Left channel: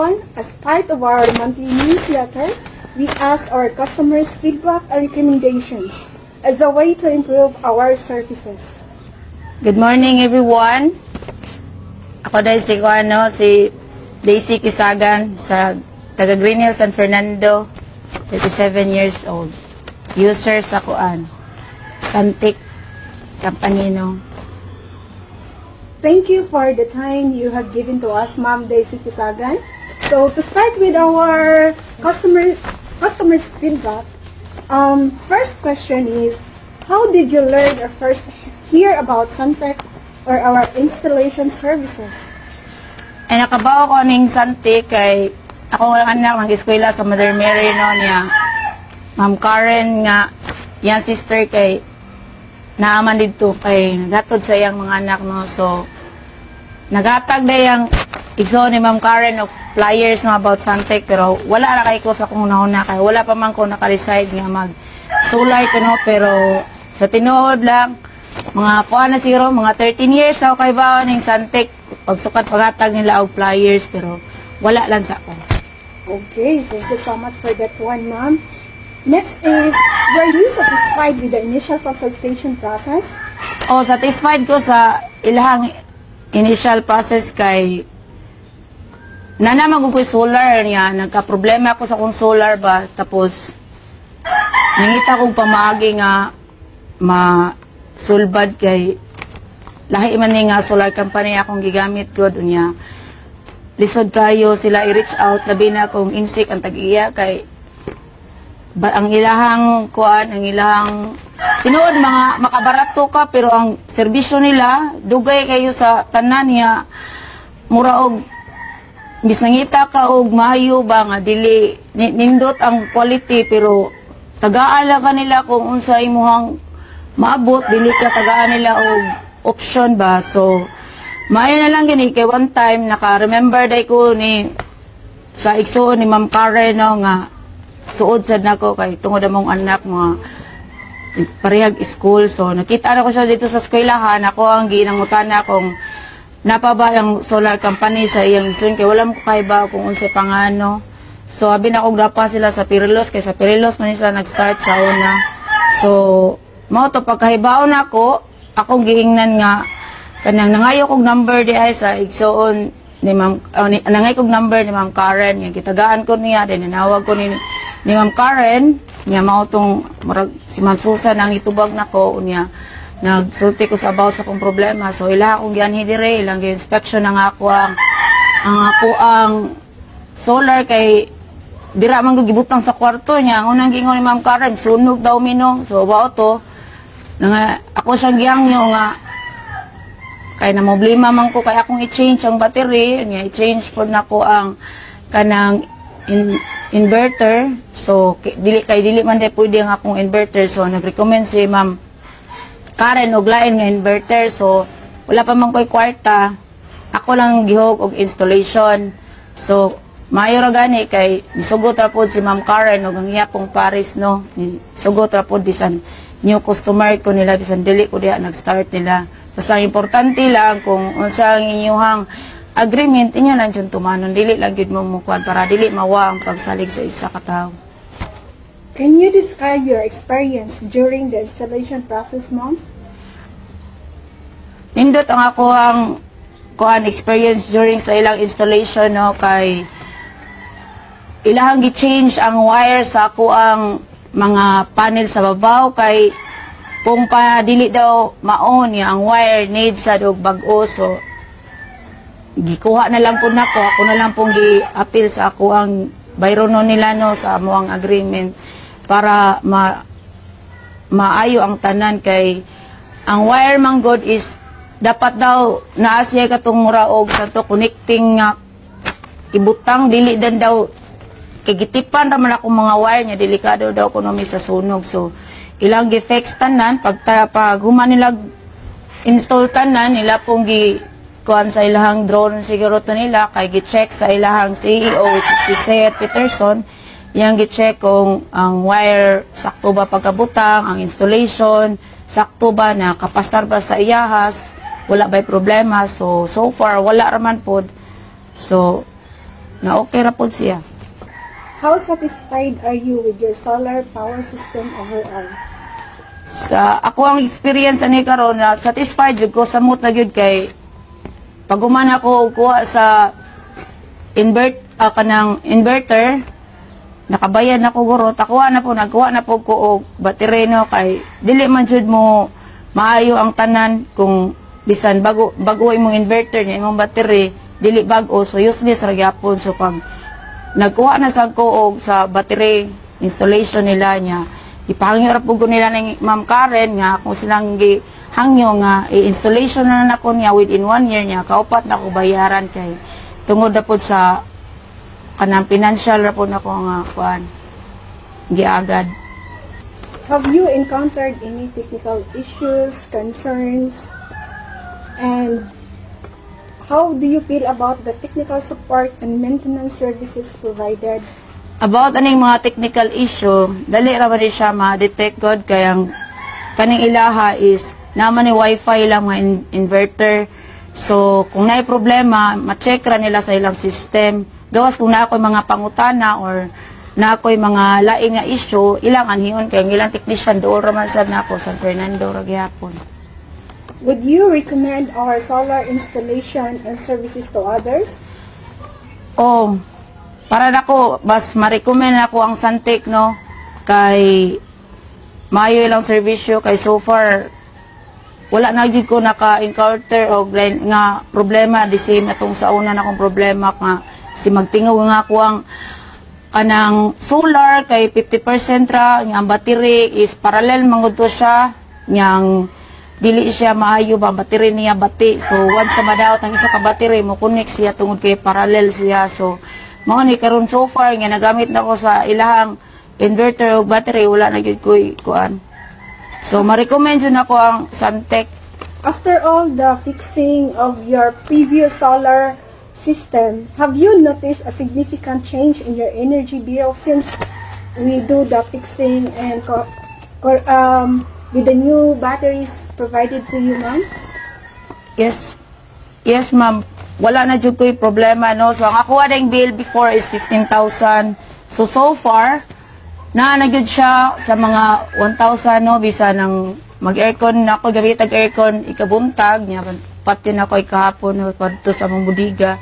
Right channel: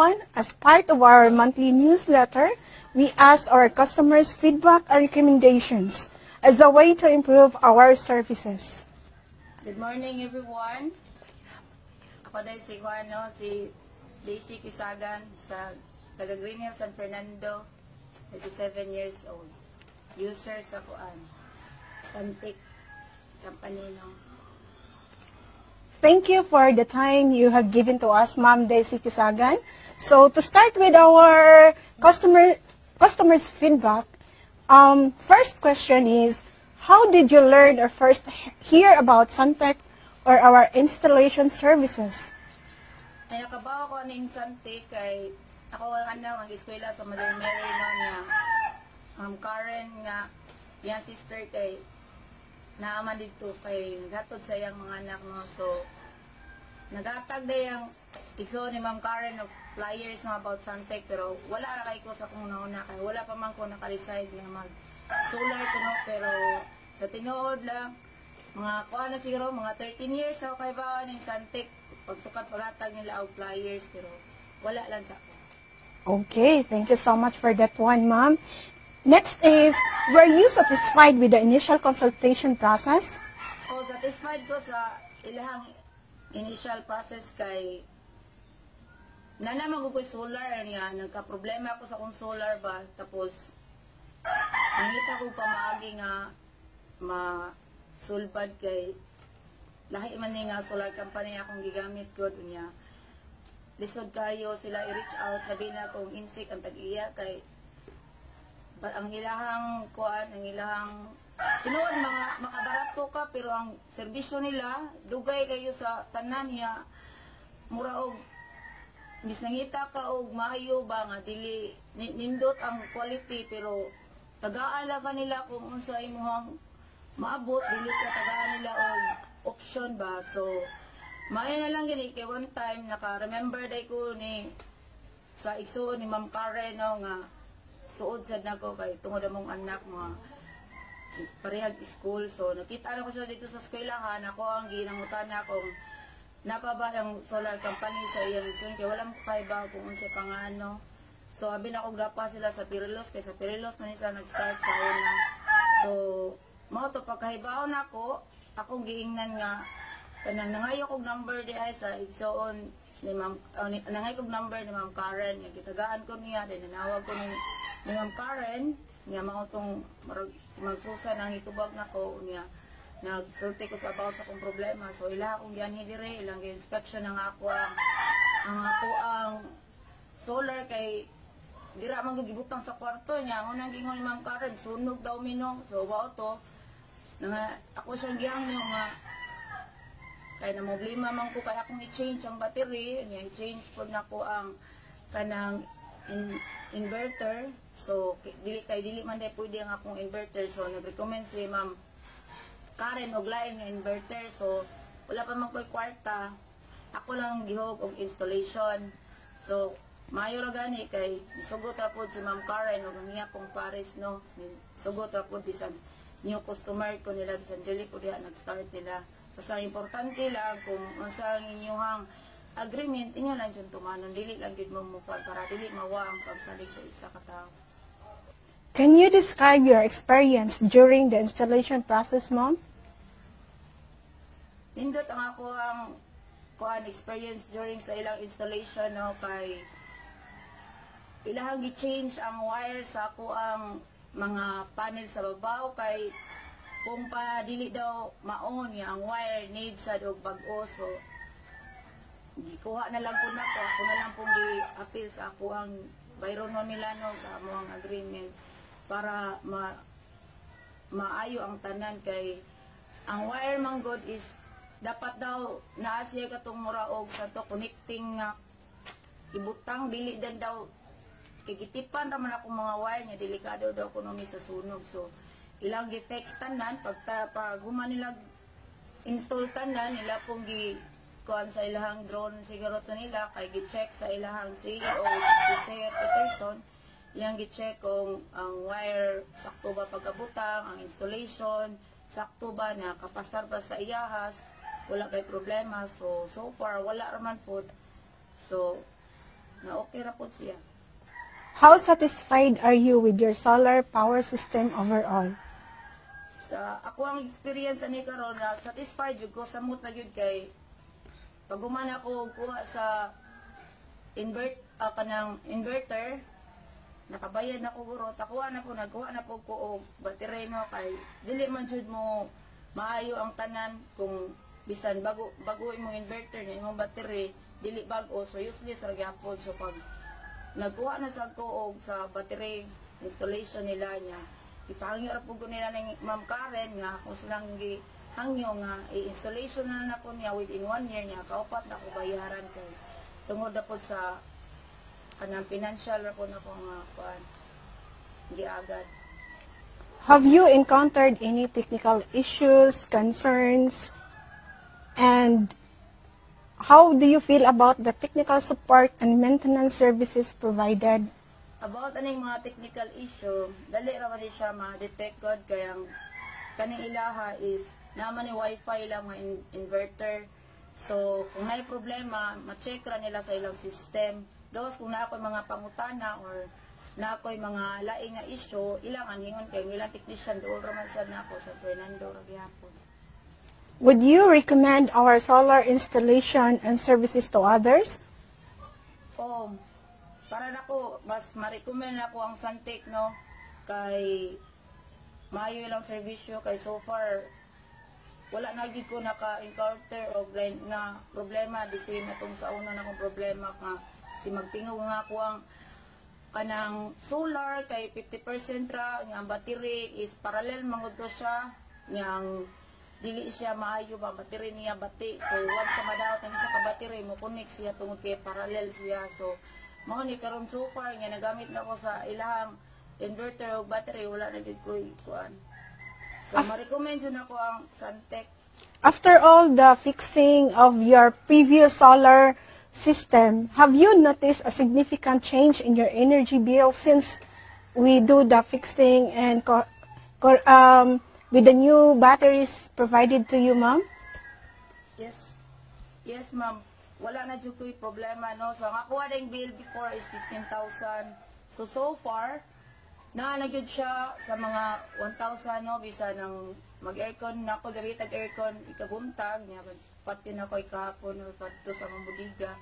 everyone, as part of our monthly newsletter, we ask our customers feedback and recommendations as a way to improve our services. Good morning, everyone. Ako dahil si Daisy Kisagan sa taga Green Hills San Fernando, 37 years old. User sa Santik Company, no? Thank you for the time you have given to us, Ma'am Daisy Kisagan. So to start with our customers feedback, first question is, how did you learn or first hear about Santek or our installation services? Ay nakabaw ko ning Santik kay ako ang anak ng eskwela sa Mother Mary no niya. Ma'am Karen nga yan sister kay naaman dito kay nagatod sa iyang mga anak no. So nagatag na yung igso ni Ma'am Karen of flyers no about Santek pero wala na kay ko sa kung nauna kay wala pa man ko naka-decide nga mag solar ko no pero sa tinuod lang mga kuha na zero mga 13 years ako kay baon ning Santek pagsukat pagatag nila og flyers pero wala lang sa ako. Okay, thank you so much for that one, Ma'am. Next is, were you satisfied with the initial consultation process? Oh, satisfied ko sa ilahang initial process kay nanaman ko solar niya. Nagka-problema ako sa kong solar ba. Tapos, nangita kong pamaagi nga masulbad kay lahi man nga solar company akong gigamit ko niya. Lisod kayo sila i-reach out. Labi na akong insik ang tag-iya kay ang ilahang kuan, ang ilahang tinuod mga makabarato ka pero ang serbisyo nila dugay kayo sa tanan niya mura og bis nangita ka og maayo ba nga dili nindot ang quality pero tagaan ka nila kung unsa imuhang maabot dili ka tagaan nila og option ba. So maayo na lang gini kay one time naka-remember day ko ni sa igsoon ni Ma'am Karen no, nga suod sad nako kay tungod among anak mga parehag school. So nakita na ko siya dito sa eskwelahan. Ako ang ginangutana kung napaba ang solar company sa iyang son kay wala mo kaiba kung unsa pangano. So abi na ko dapa sila sa Pirilos kay sa Pirilos man sila nag-start sa una. So mao to pagkahibaon nako akong giingnan nga kanang nangayo kog number di ay sa igsoon ni Ma'am nangay kog number ni Ma'am Karen nga gitagaan ko niya din nanawag ko ni Ma'am Karen, niya mao tong si Ma'am Susan ang itubag nako niya. Nagsulti ko sa about sa kong problema. So ila akong gianhi dire, ilang inspection ang ako ang solar kay dira man ko gibutang sa kwarto niya. Ang unang gingon ni Ma'am Karen, sunog daw minong. So bao to nga ako siyang giyangyo nga kay na problema man ko kay akong i-change ang battery, niya i-change pod nako ang kanang inverter. So dili man day pwede ang akong inverter. So nag-recommend si Ma'am Karen og lain nga inverter. So wala pa man ko'y kwarta, ako lang gihog og installation. So maayo ra gani kay nisugot ra pod si Ma'am Karen og ang iya pong Paris no. Nisugot ra pod bisan new customer ko nila bisan dili ko diha nag-start nila. Basta importante lang kung unsa ang inyong agreement inyo lang dyan tumanon, dili lang yun mo mukuan para dili mawa ang pagsalig sa isa ka tao. Can you describe your experience during the installation process, Ma'am? Nindot ang ako ang experience during sa ilang installation no kay ilahang gi-change ang wire sa ako ang mga panel sa babaw kay kung pa dili daw maon ya ang wire need sa dog bag-o. So gikuha na lang po nako, ako na lang pong gi-appeal sa ako ang bayrono nila no sa amo ang agreement para maayo ang tanan kay ang wire man god is dapat daw naa siya katong mura og sa to connecting nga ibutang dili dan daw kay gitipan ra man ako mga wire nya delikado daw kuno mi sa sunog. So ilang gi-fix tanan pag human nila install tanan nila pong kuan sa ilahang drone siguro to nila kay gi-check sa ilahang CEO which is si Seth Peterson yang gi-check kung ang wire sakto ba pagkabutang, ang installation sakto ba na kapastar ba sa iyahas, wala ba'y problema. So far wala raman pod. So na okay ra pod siya. How satisfied are you with your solar power system overall? Sa ako ang experience ani karon na satisfied jud ko samot na gyud kay pag human ako kuha sa kanang inverter nakabayad na ko guro takuha na po nagkuha na po ko og battery no kay dili man jud mo maayo ang tanan kung bisan bago imong inverter niya imong battery dili bag-o so useless ra gyapon so pag nagkuha na sa ko og sa battery installation nila niya ipahangyo ra pud ko nila ng Ma'am Karen nga kung silang hangyo nga i-installation na nako niya within 1 year niya kaupat na ko bayaran kay tungod na pud sa kanang financial ra pud nako nga kuan giagad. Have you encountered any technical issues, concerns, and how do you feel about the technical support and maintenance services provided? About aning mga technical issue, dali ra man siya ma-detect god kay ang kaning ilaha is naman ni wifi lang mga inverter. So kung naay problema, ma-check ra nila sa ilang system. Gawas kung na ako'y mga pangutana or na ako'y mga laing nga issue, ilang anhingon kay ilang technician dool ra man sad nako San Fernando ra gyapon. Would you recommend our solar installation and services to others? Oh, para nako mas ma-recommend ako ang Santec no kay maayo ilang serbisyo kay so far wala na gyud ko naka-encounter og nga problema the same atong sa una na akong problema nga si magtingog nga ako ang kanang solar kay 50% ra nga ang battery is parallel mangud to siya nyang dili siya maayo ba battery niya bati so once sa madaot ang isa ka battery mo connect siya tungod kay parallel siya so mao ni karon so far nga nagamit na ko sa ilahang inverter o battery wala na gyud ko kuan so ma-recommend jud nako ang Santec. After all the fixing of your previous solar system, have you noticed a significant change in your energy bill since we do the fixing and with the new batteries provided to you, ma'am? Yes. Yes, ma'am. Wala na jud ko'y problema, no? So, ang ako ading bill before is 15,000. So far, na gyud siya sa mga 1,000, no? Bisa ng mag-aircon na ako, gamit aircon, ikabuntag, niya, pati na ko ikahapon, no? Padto sa mong budiga.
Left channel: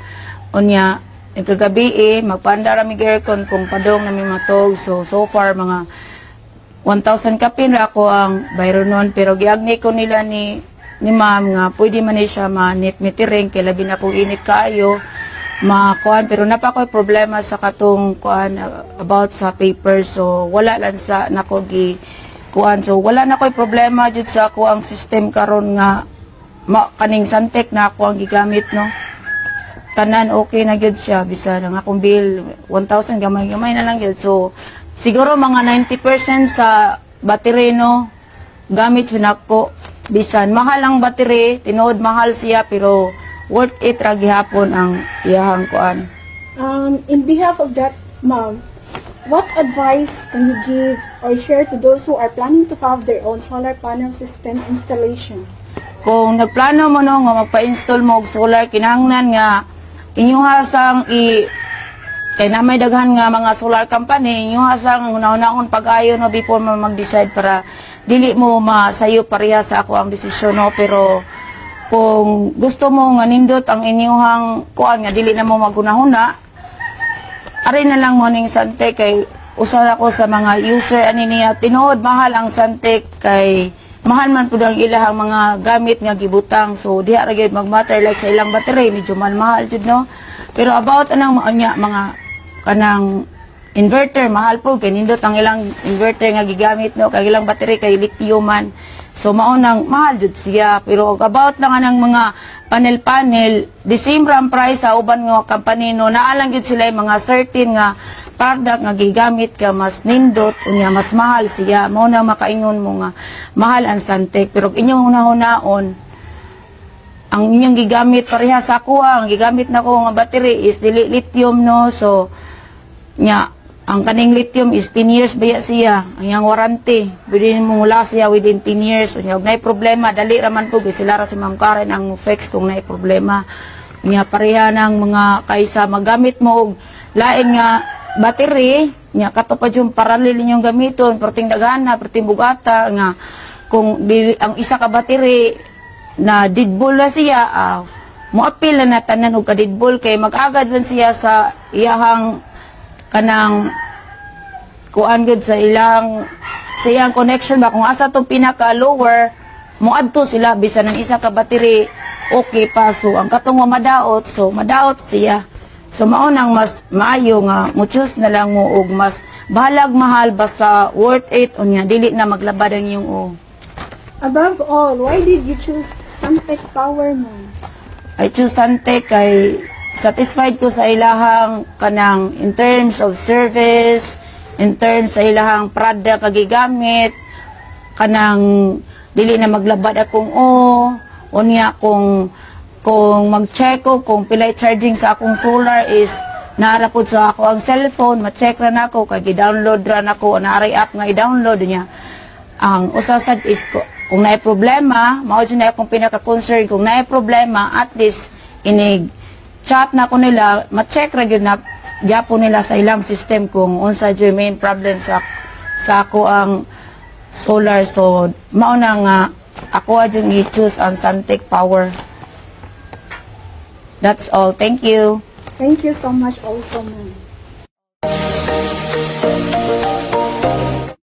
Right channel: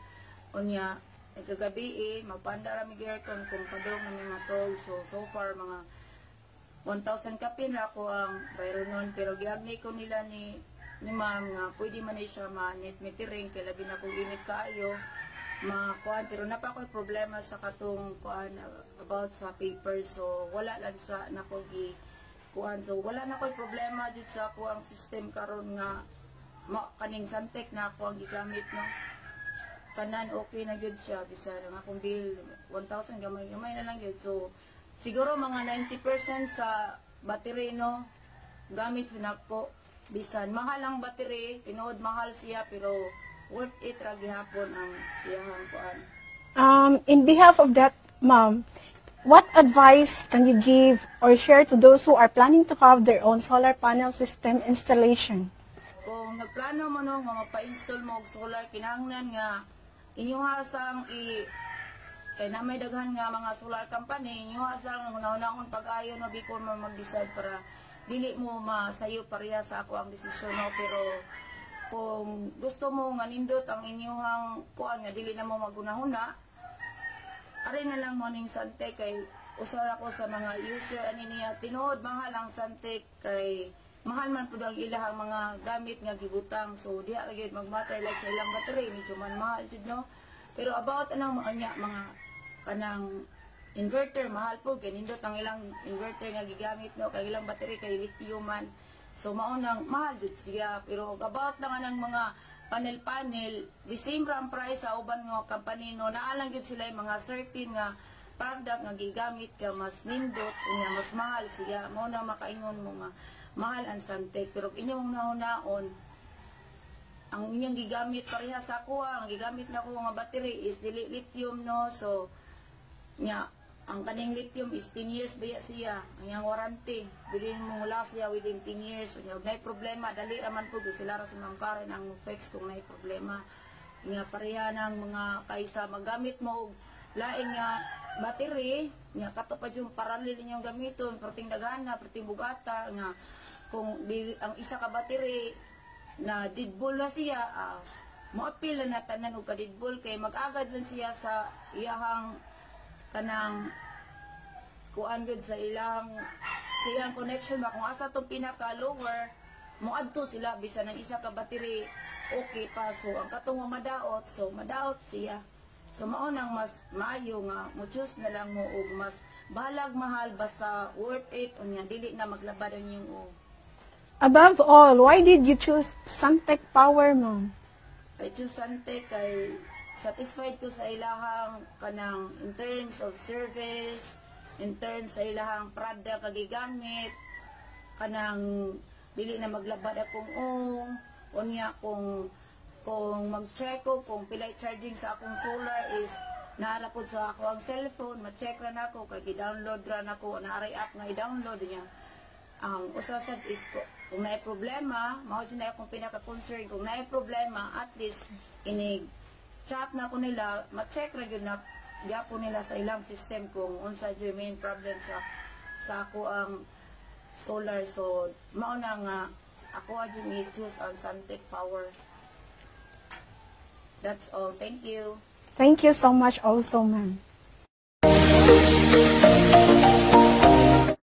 O niya, ikagabi, magpanda rami aircon kung padong na may matog. So far, mga 1,000 kapin ra ako ang bayro nun. Pero giagni ko nila ni ma'am nga pwede man siya ma-net-metering kay labi na kung init kaayo makuan pero napakoy problema sa katong kuan about sa paper so wala lang sa nako gi kuan so wala na koy problema jud sa ako ang system karon nga kaning Santec na ako ang gigamit no tanan okay na gyud siya bisan ang akong bill 1,000 gamay-gamay na lang gyud so siguro mga 90% sa battery no gamit yun ako bisan mahal ang battery tinuod mahal siya pero worth it ra gihapon ang iyahang kuan. In behalf of that, ma'am, what advice can you give or share to those who are planning to have their own solar panel system installation? Kung nagplano mo no nga magpa-install mo og solar kinahanglan nga inyong hasang kay na may daghan nga mga solar company inyong hasang una-unahon pag-ayo no before mo mag-decide para dili mo masayo pareha sa ako ang desisyon no pero kung gusto mo nga nindot ang inyong kuan nga dili na mo magunahuna ari na lang mo ning Santec kay usa ako sa mga user ani niya tinuod mahal ang Santec kay mahal man pud ang ilahang mga gamit nga gibutang so diha ra gyud magmatter like sa ilang battery medyo mahal jud no pero about anang mga kanang inverter mahal po kay nindot ang ilang inverter nga gigamit no kay ilang battery kay lithium man so maunang mahal jud siya pero about lang anang mga panel the same ram price sa uban nga company no naalang jud sila mga certain nga product nga gigamit ka mas nindot unya mas mahal siya mao na makaingon mo nga mahal ang Santec pero inyong hunahon ang inyong gigamit pareha sa ako ang gigamit nako nga battery is dili lithium no so nya ang kaning lithium is 10 years baya siya ang yang warranty pwede mo mula siya within 10 years unya og nay problema dali ra man po sila ra si Ma'am Karen ang fix kung nay problema Nya pareha ng mga kaysa magamit mo og lain nga battery, nya katupad yung paralel ninyong gamiton, perting dagana, perting bugata nga kung ang isa ka battery na didbol na siya, moapil na tanan og kadidbol kay mag-agad man siya sa iyahang kanang kuan gud sa iyang connection ba kung asa tong pinaka lower moadto sila bisan ang isa ka battery okay pa, so ang katong madaot, so madaot siya. So maunang mas maayo nga mo choose na lang mo og mas bahalag mahal basta worth it unya dili na maglabad ang iyong Above all, why did you choose Suntec Power, ma'am? I choose Suntec kay satisfied ko sa ilahang kanang in terms of service, in terms sa ilahang product kagigamit, kanang dili na maglabad akong unya kung mag-check ko kung pilay charging sa akong solar is naarapod sa ako ang cellphone, ma-check ra nako kay gi-download ra nako naaray app nga i-download niya. Ang usasad is kung naay problema, mao jud na akong pinaka-concern kung naay problema, at least inig chat na ko nila, ma-check ra gyud na gyapon nila sa ilang system kung unsa jud main problem sa ako ang solar. So mao na nga ako adyung i-choose ang Suntec Power. That's all. Thank you. Thank you so much also, ma'am.